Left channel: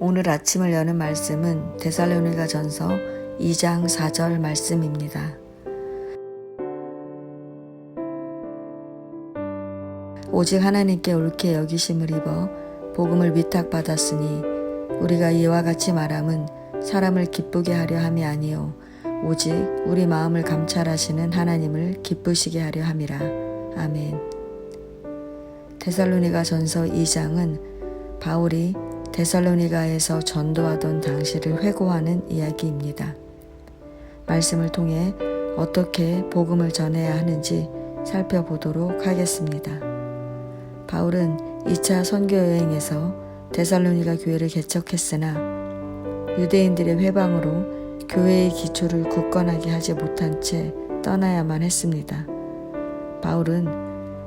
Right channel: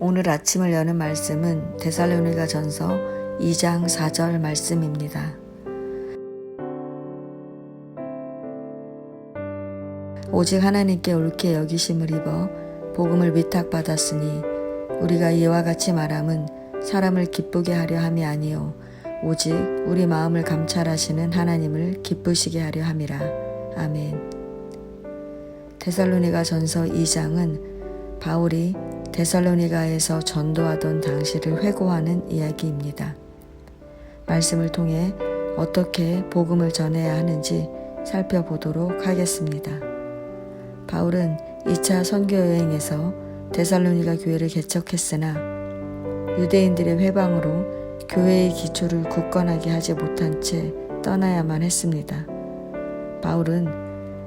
오늘 아침을 여는 말씀은 데살로니가전서 2장 4절 말씀입니다. 오직 하나님께 옳게 여기심을 입어 복음을 위탁받았으니 우리가 이와 같이 말함은 사람을 기쁘게 하려 함이 아니요 오직 우리 마음을 감찰하시는 하나님을 기쁘시게 하려 함이라. 아멘. 데살로니가전서 2장은 바울이 데살로니가에서 전도하던 당시를 회고하는 이야기입니다. 말씀을 통해 어떻게 복음을 전해야 하는지 살펴보도록 하겠습니다. 바울은 2차 선교 여행에서 데살로니가 교회를 개척했으나 유대인들의 회방으로 교회의 기초를 굳건하게 하지 못한 채 떠나야만 했습니다. 바울은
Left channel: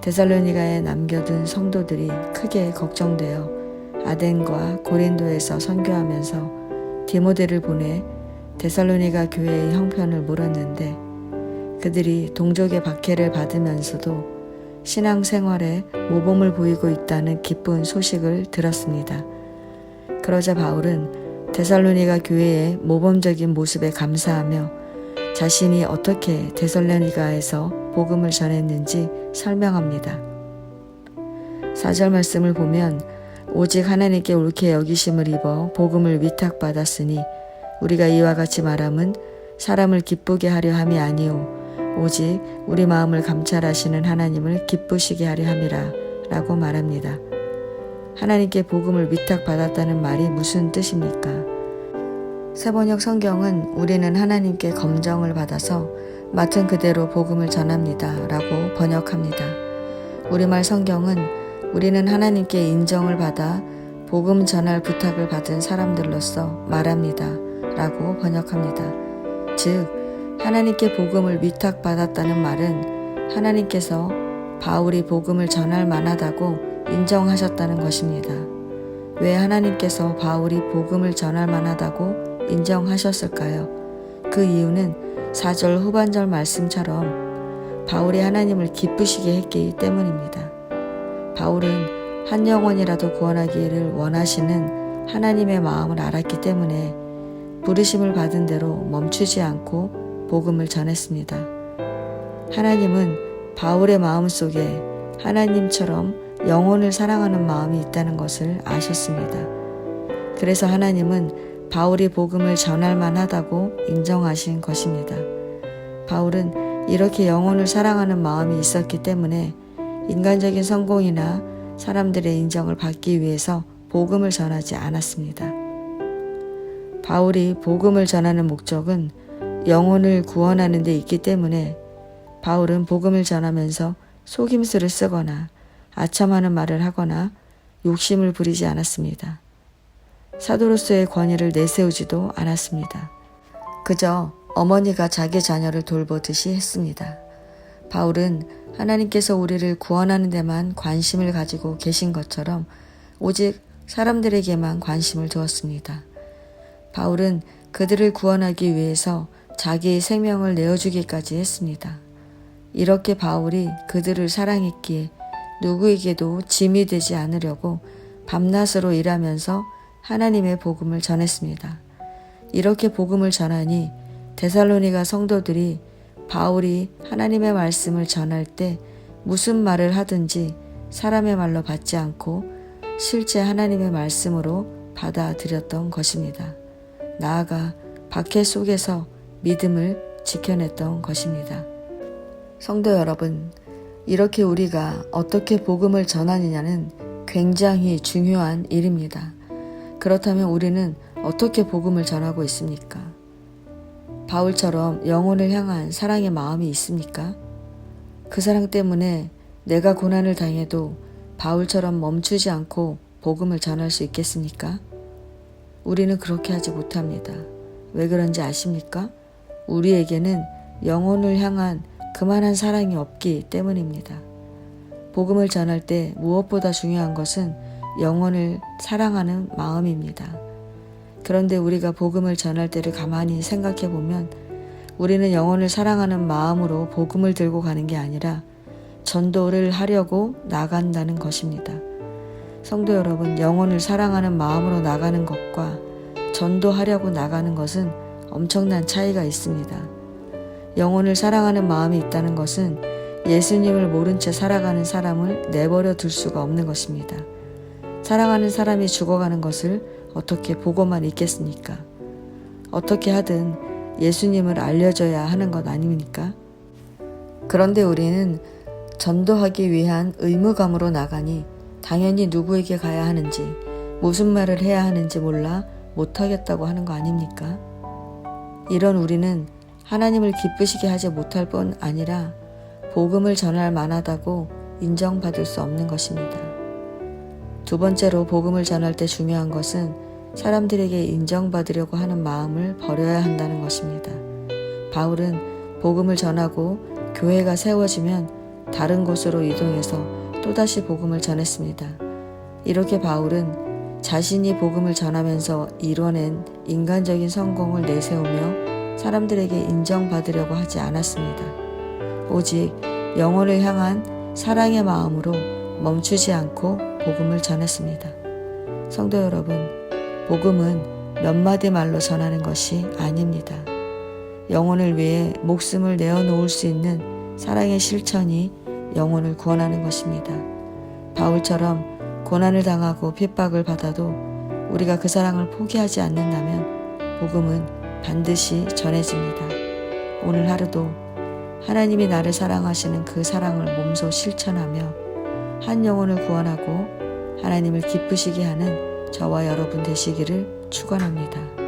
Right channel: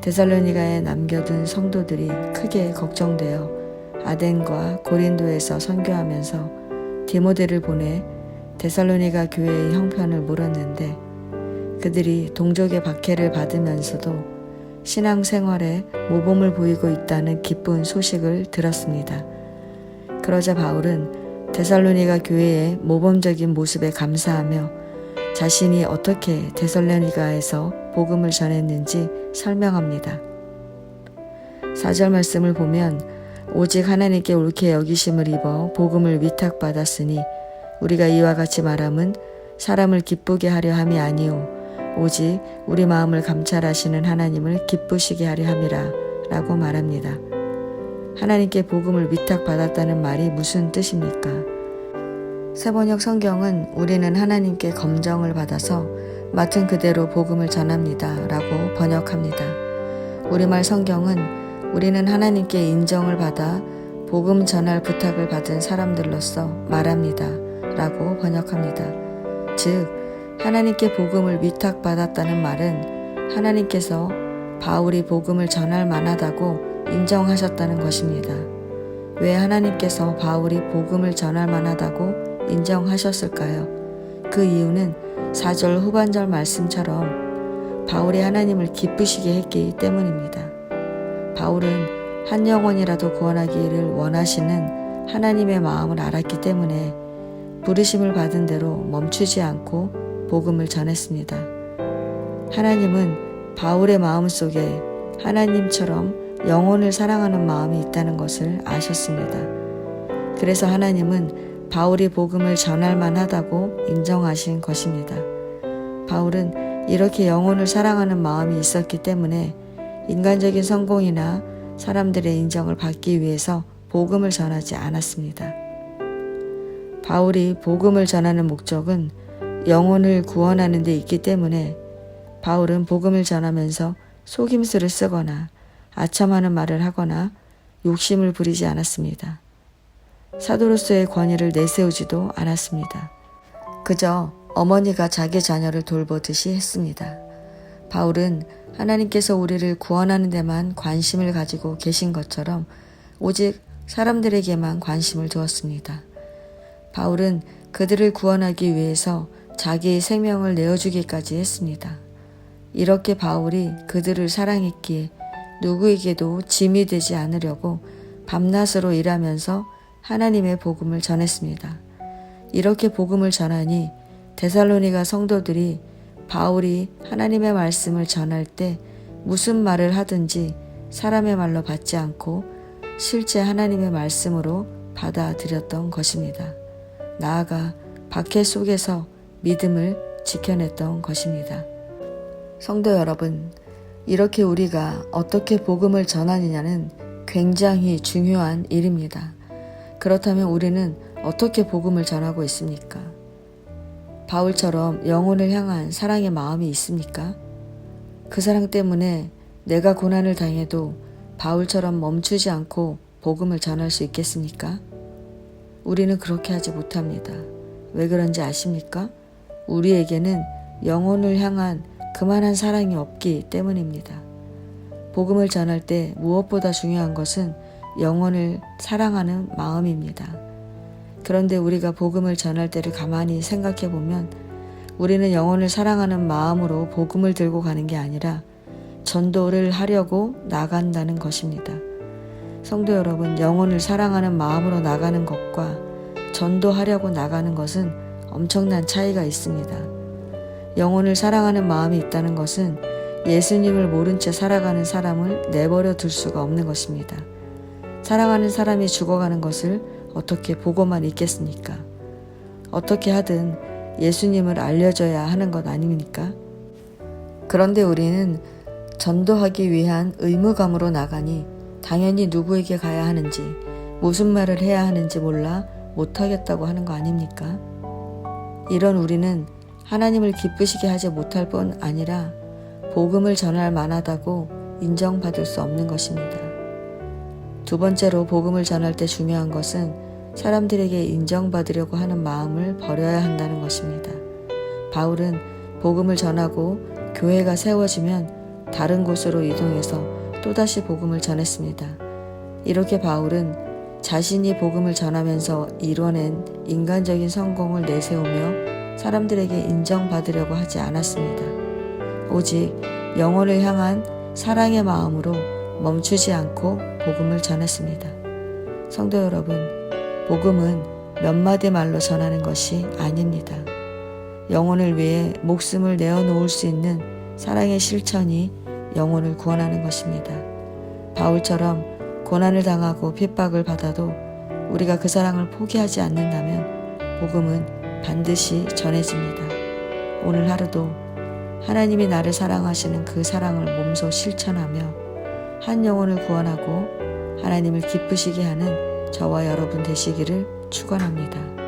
데살로니가에 남겨둔 성도들이 크게 걱정되어 아덴과 고린도에서 선교하면서 디모데를 보내 데살로니가 교회의 형편을 물었는데 그들이 동족의 박해를 받으면서도 신앙생활에 모범을 보이고 있다는 기쁜 소식을 들었습니다. 그러자 바울은 데살로니가 교회의 모범적인 모습에 감사하며 자신이 어떻게 데살로니가에서 복음을 전했는지 설명합니다. 4절 말씀을 보면 오직 하나님께 옳게 여기심을 입어 복음을 위탁받았으니 우리가 이와 같이 말함은 사람을 기쁘게 하려 함이 아니요 오직 우리 마음을 감찰하시는 하나님을 기쁘시게 하려 함이라 라고 말합니다. 하나님께 복음을 위탁받았다는 말이 무슨 뜻입니까? 새번역 성경은 우리는 하나님께 검정을 받아서 맡은 그대로 복음을 전합니다 라고 번역합니다. 우리말 성경은 우리는 하나님께 인정을 받아 복음 전할 부탁을 받은 사람들로서 말합니다 라고 번역합니다. 즉 하나님께 복음을 위탁받았다는 말은 하나님께서 바울이 복음을 전할 만하다고 인정하셨다는 것입니다. 왜 하나님께서 바울이 복음을 전할 만하다고 인정하셨을까요? 그 이유는 4절 후반절 말씀처럼 바울이 하나님을 기쁘시게 했기 때문입니다. 바울은 한 영혼이라도 구원하기를 원하시는 하나님의 마음을 알았기 때문에 부르심을 받은 대로 멈추지 않고 복음을 전했습니다. 하나님은 바울의 마음속에 하나님처럼 영혼을 사랑하는 마음이 있다는 것을 아셨습니다. 그래서 하나님은 바울이 복음을 전할 만하다고 인정하신 것입니다. 바울은 이렇게 영혼을 사랑하는 마음이 있었기 때문에 인간적인 성공이나 사람들의 인정을 받기 위해서 복음을 전하지 않았습니다. 바울이 복음을 전하는 목적은 영혼을 구원하는 데 있기 때문에 바울은 복음을 전하면서 속임수를 쓰거나 아첨하는 말을 하거나 욕심을 부리지 않았습니다. 사도로서의 권위를 내세우지도 않았습니다. 그저 어머니가 자기 자녀를 돌보듯이 했습니다. 바울은 하나님께서 우리를 구원하는 데만 관심을 가지고 계신 것처럼 오직 사람들에게만 관심을 두었습니다. 바울은 그들을 구원하기 위해서 자기의 생명을 내어주기까지 했습니다. 이렇게 바울이 그들을 사랑했기에 누구에게도 짐이 되지 않으려고 밤낮으로 일하면서 하나님의 복음을 전했습니다. 이렇게 복음을 전하니 데살로니가 성도들이 바울이 하나님의 말씀을 전할 때 무슨 말을 하든지 사람의 말로 받지 않고 실제 하나님의 말씀으로 받아들였던 것입니다. 나아가 박해 속에서 믿음을 지켜냈던 것입니다. 성도 여러분, 이렇게 우리가 어떻게 복음을 전하느냐는 굉장히 중요한 일입니다. 그렇다면 우리는 어떻게 복음을 전하고 있습니까? 바울처럼 영혼을 향한 사랑의 마음이 있습니까? 그 사랑 때문에 내가 고난을 당해도 바울처럼 멈추지 않고 복음을 전할 수 있겠습니까? 우리는 그렇게 하지 못합니다. 왜 그런지 아십니까? 우리에게는 영혼을 향한 그만한 사랑이 없기 때문입니다. 복음을 전할 때 무엇보다 중요한 것은 영혼을 사랑하는 마음입니다. 그런데 우리가 복음을 전할 때를 가만히 생각해 보면 우리는 영혼을 사랑하는 마음으로 복음을 들고 가는 게 아니라 전도를 하려고 나간다는 것입니다. 성도 여러분, 영혼을 사랑하는 마음으로 나가는 것과 전도하려고 나가는 것은 엄청난 차이가 있습니다. 영혼을 사랑하는 마음이 있다는 것은 예수님을 모른 채 살아가는 사람을 내버려 둘 수가 없는 것입니다. 사랑하는 사람이 죽어가는 것을 어떻게 보고만 있겠습니까? 어떻게 하든 예수님을 알려줘야 하는 것 아닙니까? 그런데 우리는 전도하기 위한 의무감으로 나가니 당연히 누구에게 가야 하는지, 무슨 말을 해야 하는지 몰라 못하겠다고 하는 거 아닙니까? 이런 우리는 하나님을 기쁘시게 하지 못할 뿐 아니라 복음을 전할 만하다고 인정받을 수 없는 것입니다. 두 번째로 복음을 전할 때 중요한 것은 사람들에게 인정받으려고 하는 마음을 버려야 한다는 것입니다. 바울은 복음을 전하고 교회가 세워지면 다른 곳으로 이동해서 또다시 복음을 전했습니다. 이렇게 바울은 자신이 복음을 전하면서 이뤄낸 인간적인 성공을 내세우며 사람들에게 인정받으려고 하지 않았습니다. 오직 영혼을 향한 사랑의 마음으로 멈추지 않고 복음을 전했습니다. 성도 여러분, 복음은 몇 마디 말로 전하는 것이 아닙니다. 영혼을 위해 목숨을 내어놓을 수 있는 사랑의 실천이 영혼을 구원하는 것입니다. 바울처럼 고난을 당하고 핍박을 받아도 우리가 그 사랑을 포기하지 않는다면 복음은 반드시 전해집니다. 오늘 하루도 하나님이 나를 사랑하시는 그 사랑을 몸소 실천하며 한 영혼을 구원하고 하나님을 기쁘시게 하는 저와 여러분 되시기를 축원합니다.